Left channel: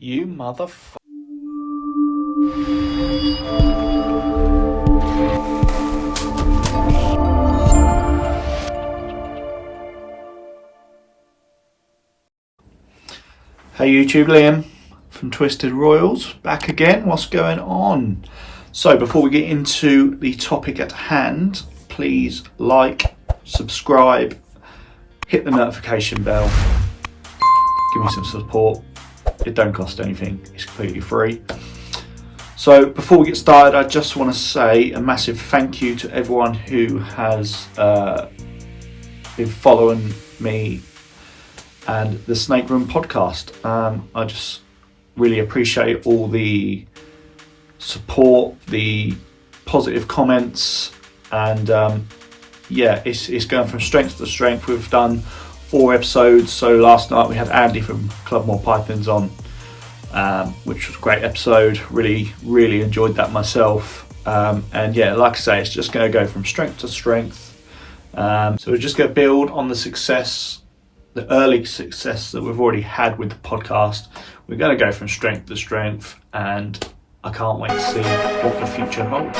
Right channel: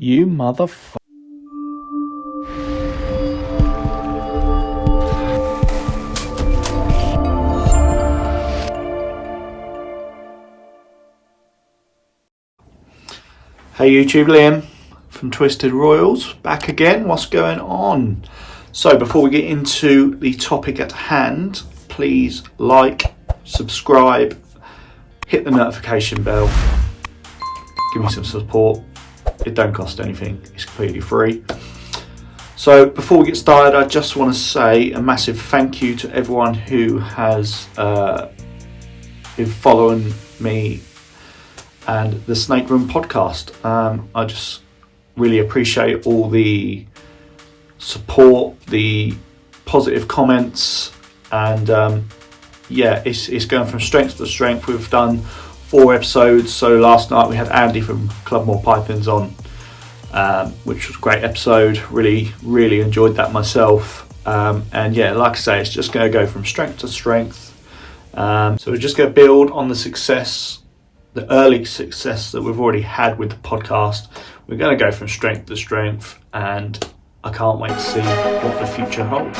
You motherfucker. Hey YouTube, Liam from Twisted Royals, back again. What's going on? So before we get into the topic at hand, please like, subscribe, hit the notification bell, give me some support. It don't cost anything, it's completely free. So before we get started, I just want to say a massive thank you to everyone who has been following me and the Snake Room podcast. I just really appreciate all the support, the positive comments, and it's going from strength to strength. We've done 4 episodes. So last night we had Andy from Club More Pythons on, which was a great episode. Really enjoyed that myself. And yeah, like I say, it's just going to go from strength to strength. So we're just going to build on the success, the early success that we've already had with the podcast. We're going to go from strength to strength, and I can't wait to see what the future holds.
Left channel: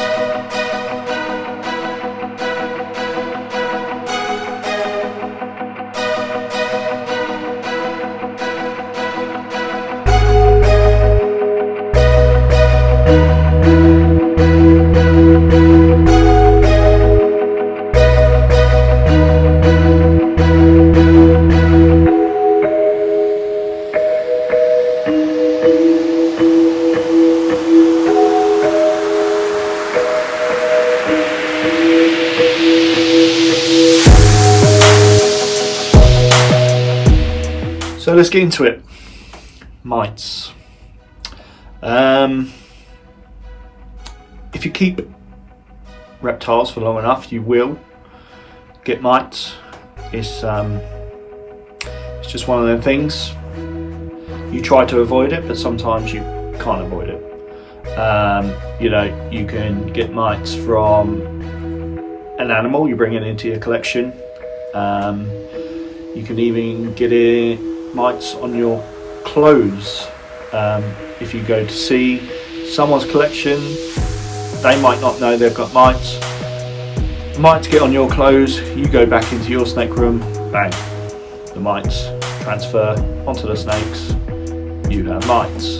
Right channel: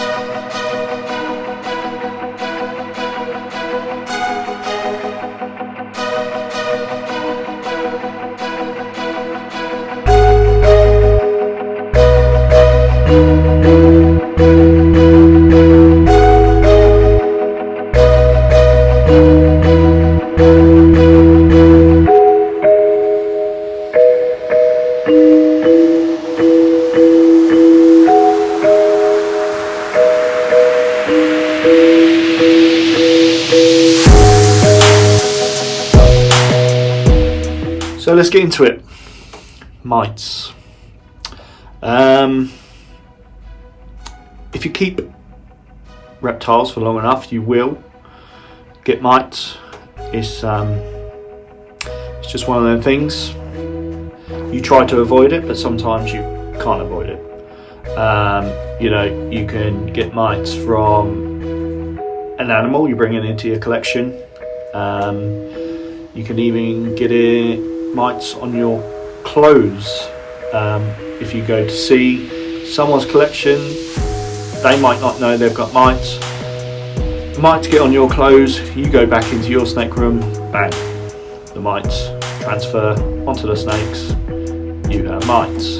So let's get into it. Mites. If you keep reptiles for long enough, you will get mites. It's just one of them things. You try to avoid it, but sometimes you can't avoid it. You can get mites from an animal you bring it into your collection. You can even get mites on your clothes. If you go to see someone's collection, they might not know they've got mites. Mites get on your clothes, you go back into your snake room, bang, the mites transfer onto the snakes, you have mites.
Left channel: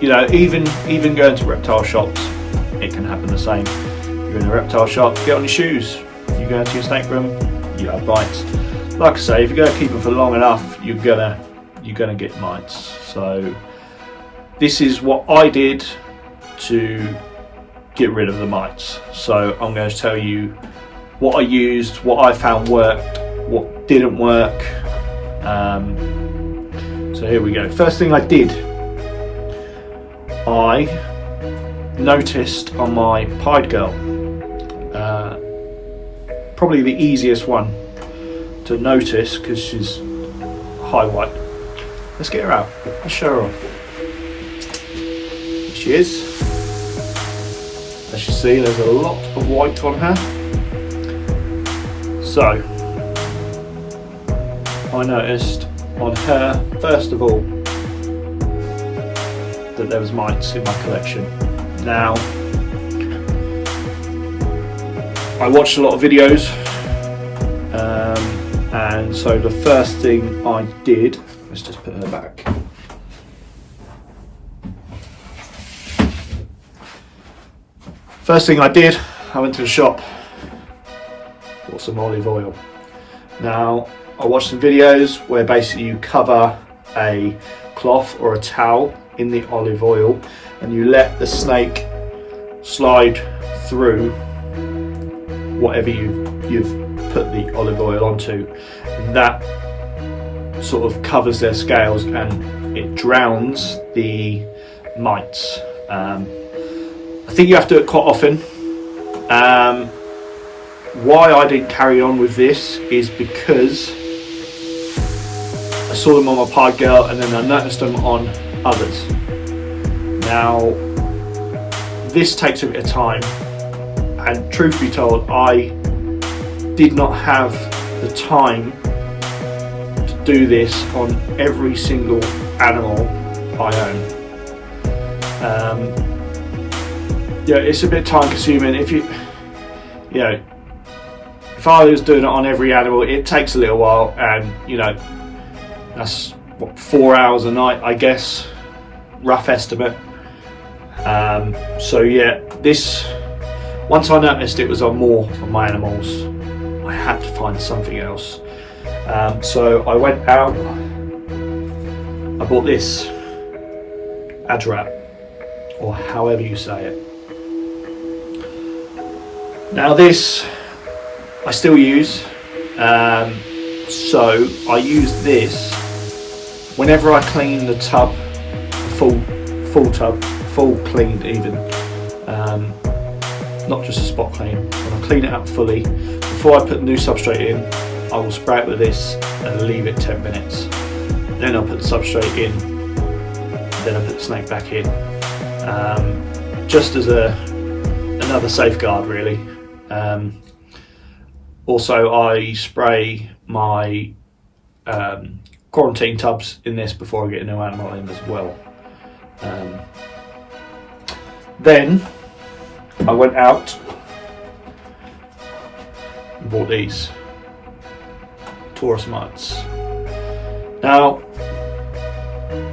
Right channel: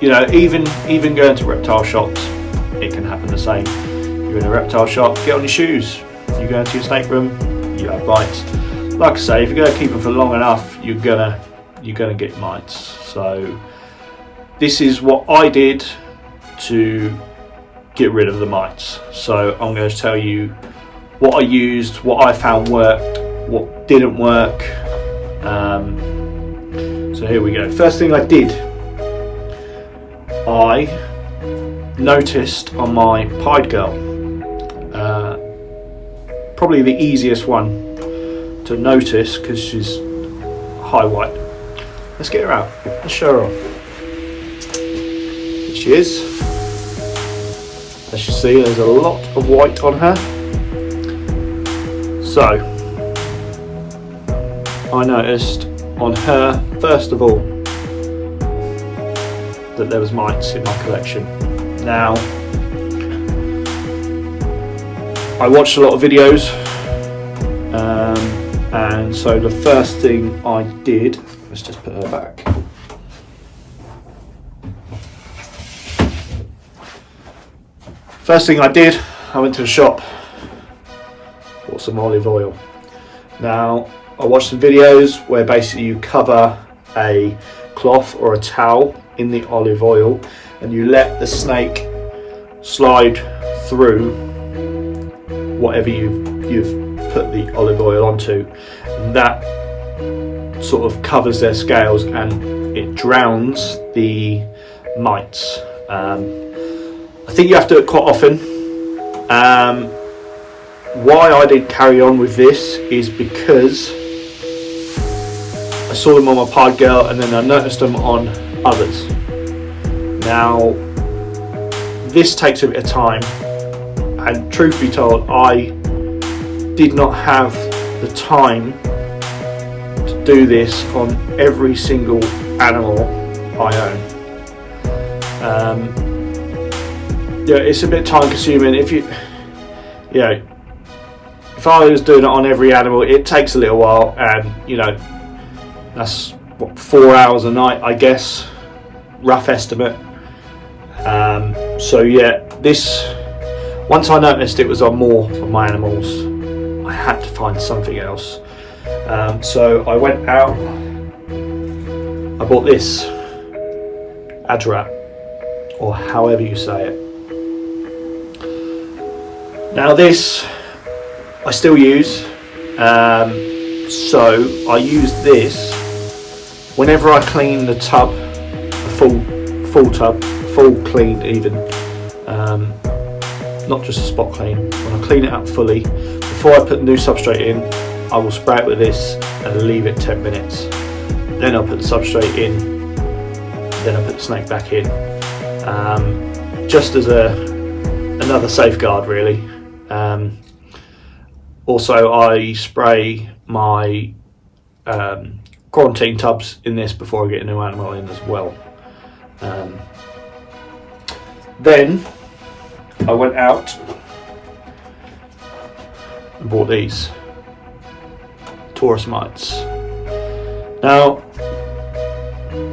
Even going to reptile shops, it can happen the same. You're in a reptile shop, get on your shoes, you go into your snake room, you have mites. Like I say, if you're going to keep them for long enough, you're gonna get mites. So this is what I did to get rid of the mites. So I'm going to tell you what I used, what I found worked, what didn't work. So here we go. First thing I did, I noticed on my pied girl, probably the easiest one to notice because she's high white. Let's get her out. Let's show her off. Here she is. As you see, there's a lot of white on her. So I noticed on her, first of all, that there was mites in my collection. Now, I watched a lot of videos, and so the first thing I did, let's just put her back. First thing I did, I went to the shop, bought some olive oil. Now, I watched some videos where basically you cover a cloth or a towel in the olive oil and you let the snake slide through whatever you've put the olive oil onto, and that sort of covers their scales and it drowns the mites. I think you have to do it quite often. Why I did carry on with this is because I saw them on my pied girl and then I noticed them on others. Now, this takes a bit of time, and truth be told, I did not have the time do this on every single animal I own. Yeah, it's a bit time consuming. If I was doing it on every animal, it takes a little while, and that's what, 4 hours a night, I guess, rough estimate. So yeah, this, once I noticed it was on more of my animals, I had to find something else. So I went out, I bought this Adrat, or however you say it. Now this I still use, so I use this whenever I clean the tub, a full tub, full clean even, not just a spot clean. When I clean it up fully, before I put the new substrate in, I will spray it with this and leave it 10 minutes. Then I'll put the substrate in, then I put the snake back in, just as another safeguard really. Also, I spray my quarantine tubs in this before I get a new animal in as well. Then I went out and bought these Taurus mites. Now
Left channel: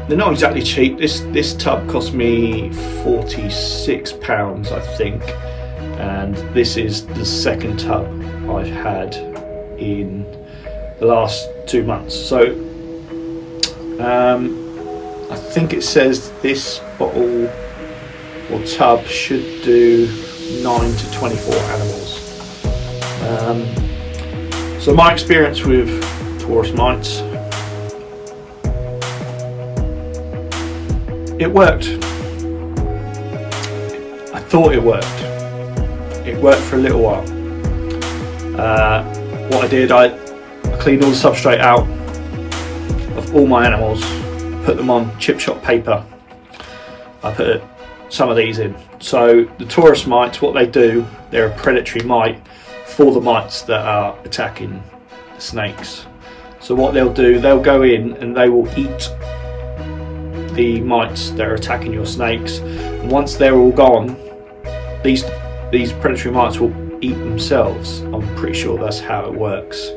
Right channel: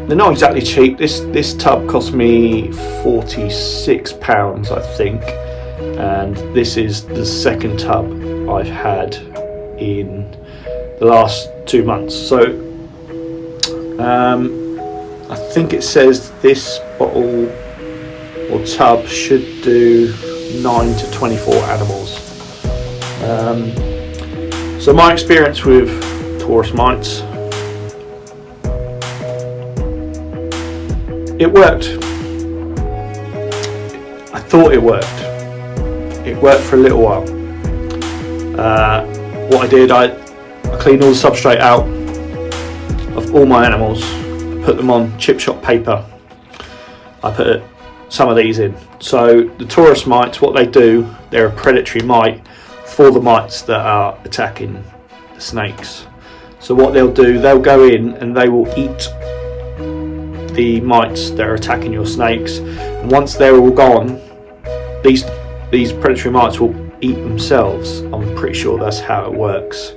they're not exactly cheap. This tub cost me £46, I think, and this is the second tub I've had in the last 2 months. So I think it says this bottle or tub should do 9 to 24 animals. So my experience with Taurus mites, it worked. I thought it worked. It worked for a little while. What I did, I cleaned all the substrate out of all my animals, put them on chip shot paper. I put some of these in. So the Taurus mites, what they do, they're a predatory mite for the mites that are attacking the snakes. So what they'll do, they'll go in and they will eat the mites that are attacking your snakes. And once they're all gone, these predatory mites will eat themselves. I'm pretty sure that's how it works.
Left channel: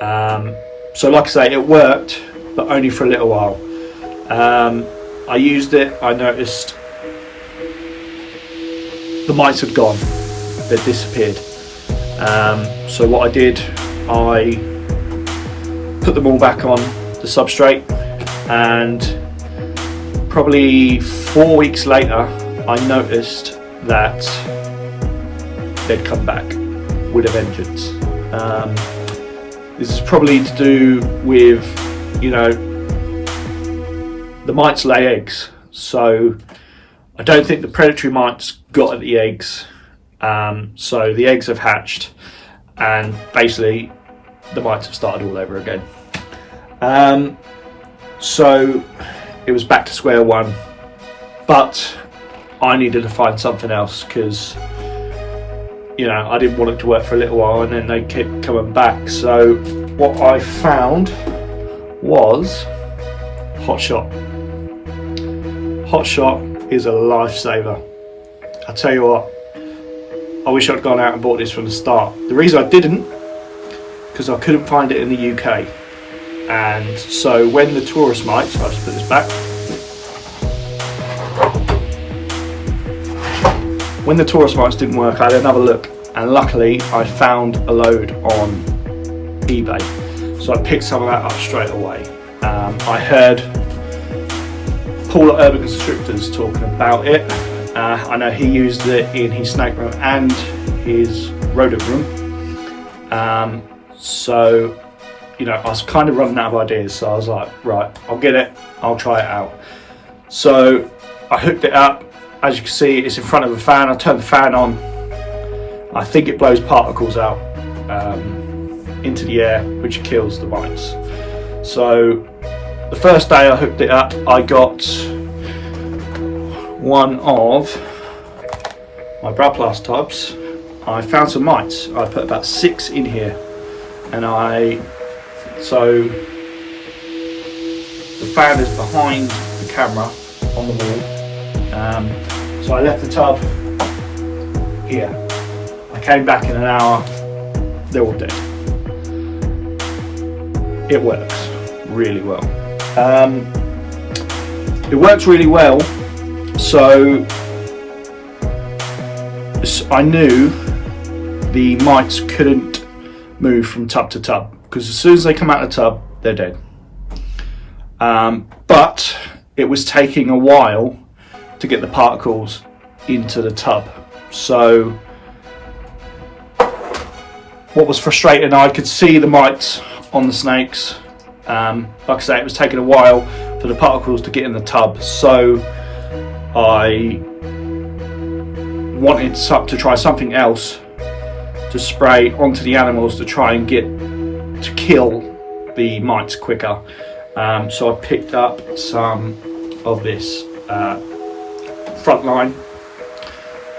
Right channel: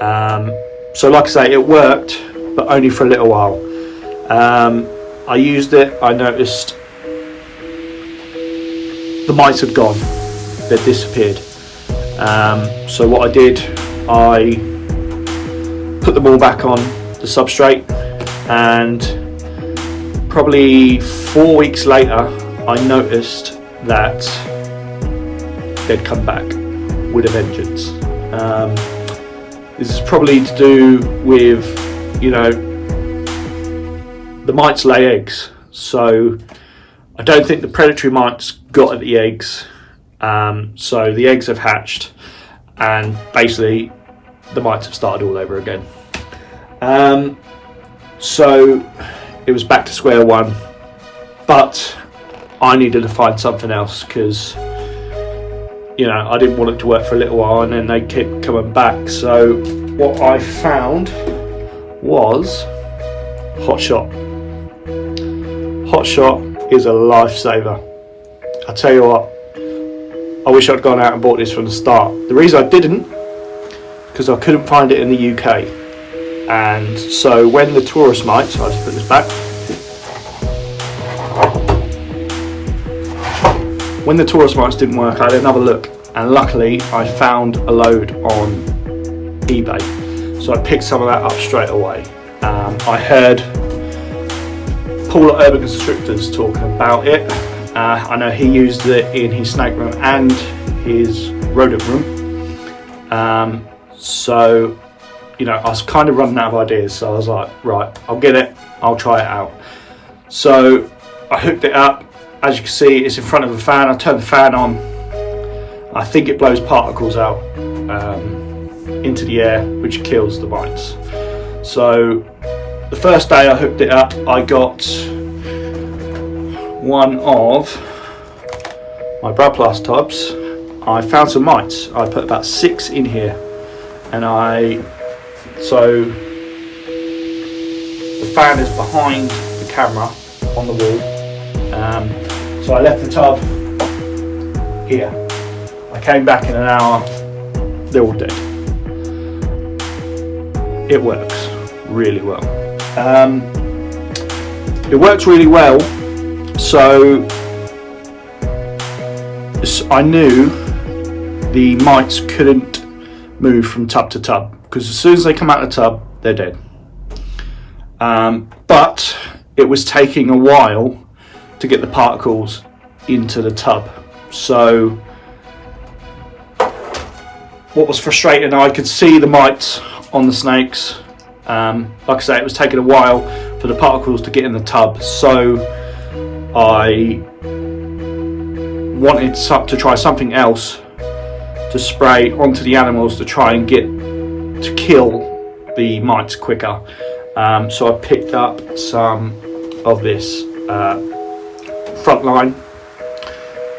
So like I say, it worked, but only for a little while. I used it, I noticed the mites had gone, they'd disappeared. So what I did, I put them all back on the substrate, and probably 4 weeks later I noticed that they'd come back with a vengeance. This is probably to do with, the mites lay eggs, so I don't think the predatory mites got at the eggs, so the eggs have hatched and basically the mites have started all over again. So it was back to square one, but I needed to find something else because I didn't want it to work for a little while and then they kept coming back. So what I found was Hotshot. Hotshot is a lifesaver. I tell you what, I wish I'd gone out and bought this from the start. The reason I didn't, because I couldn't find it in the UK. And so when the Taurus mites, I'll just put this back. When the Taurus mites didn't work, I had another look, and luckily I found a load on eBay. So I picked some of that up straight away. I heard Paul at Urban Constrictors talking about it. I know he used it in his snake room and his rodent room. So I was kind of running out of ideas, so I was like, right, I'll get it, I'll try it out. So I hooked it up. As you can see, it's in front of a fan. I turned the fan on. I think it blows particles out into the air, which kills the mites. So the first day I hooked it up, I got one of my Brad Plus tubs. I found some mites. I put about 6 in here, and so the fan is behind the camera on the wall. So I left the tub here. I came back in an hour, they're all dead. It works really well. It works really well, so I knew the mites couldn't move from tub to tub, because as soon as they come out of the tub, they're dead. But it was taking a while to get the particles into the tub. So what was frustrating, I could see the mites on the snakes. Like I say, it was taking a while for the particles to get in the tub, so I wanted to try something else to spray onto the animals to try and get to kill the mites quicker. So I picked up some of this Frontline.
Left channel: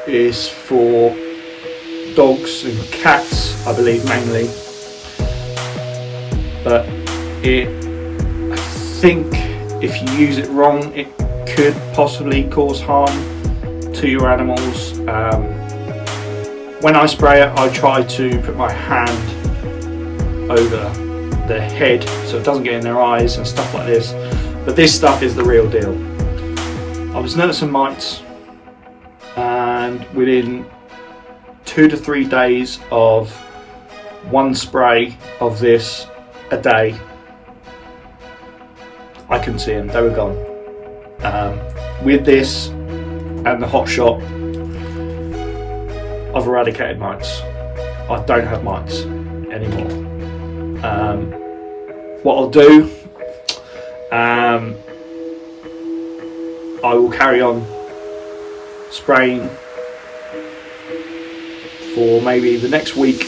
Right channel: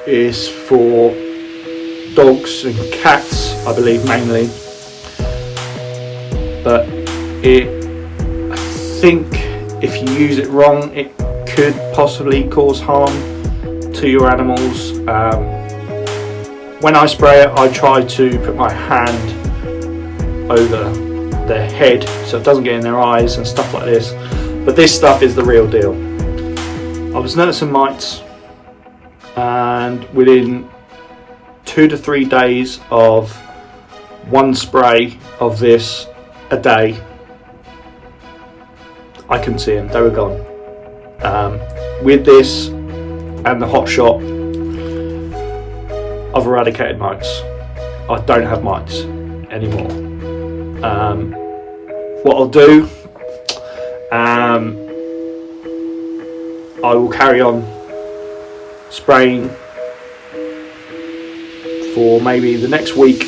Is for dogs and cats, I believe, mainly, but I think if you use it wrong, it could possibly cause harm to your animals. When I spray it, I try to put my hand over their head so it doesn't get in their eyes and stuff like this, but this stuff is the real deal. I was noticing mites, and within 2 to 3 days of one spray of this a day, I couldn't see them, they were gone. With this and the Hotshot, I've eradicated mites. I don't have mites anymore. What I'll do, I will carry on spraying for maybe the next week.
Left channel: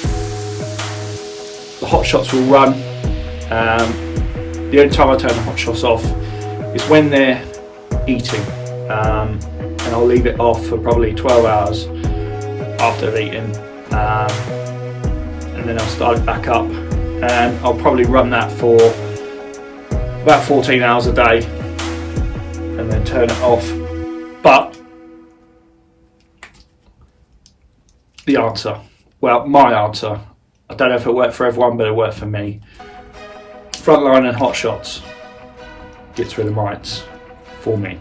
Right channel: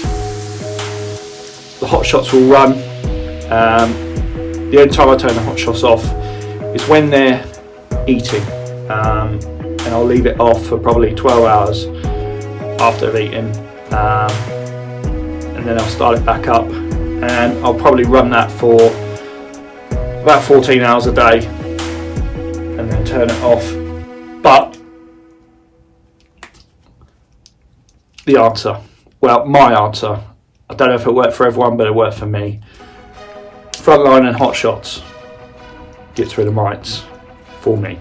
The Hotshots will run. The only time I turn the Hotshots off is when they're eating, and I'll leave it off for probably 12 hours after they've eaten, and then I'll start it back up, and I'll probably run that for about 14 hours a day and then turn it off. But the answer, well, my answer, I don't know if it worked for everyone, but it worked for me. Frontline and Hotshots gets rid of mites for me.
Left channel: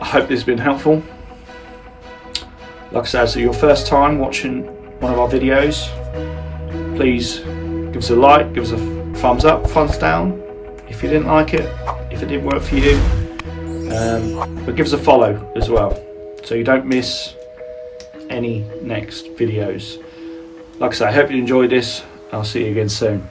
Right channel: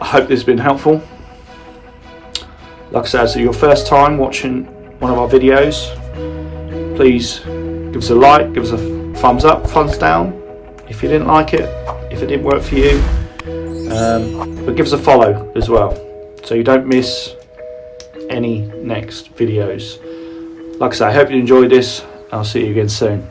I hope this has been helpful. Like I said, so your first time watching one of our videos, please give us a like, give us a thumbs up, thumbs down if you didn't like it, if it didn't work for you, but give us a follow as well so you don't miss any next videos. Like I say, I hope you enjoyed this. I'll see you again soon.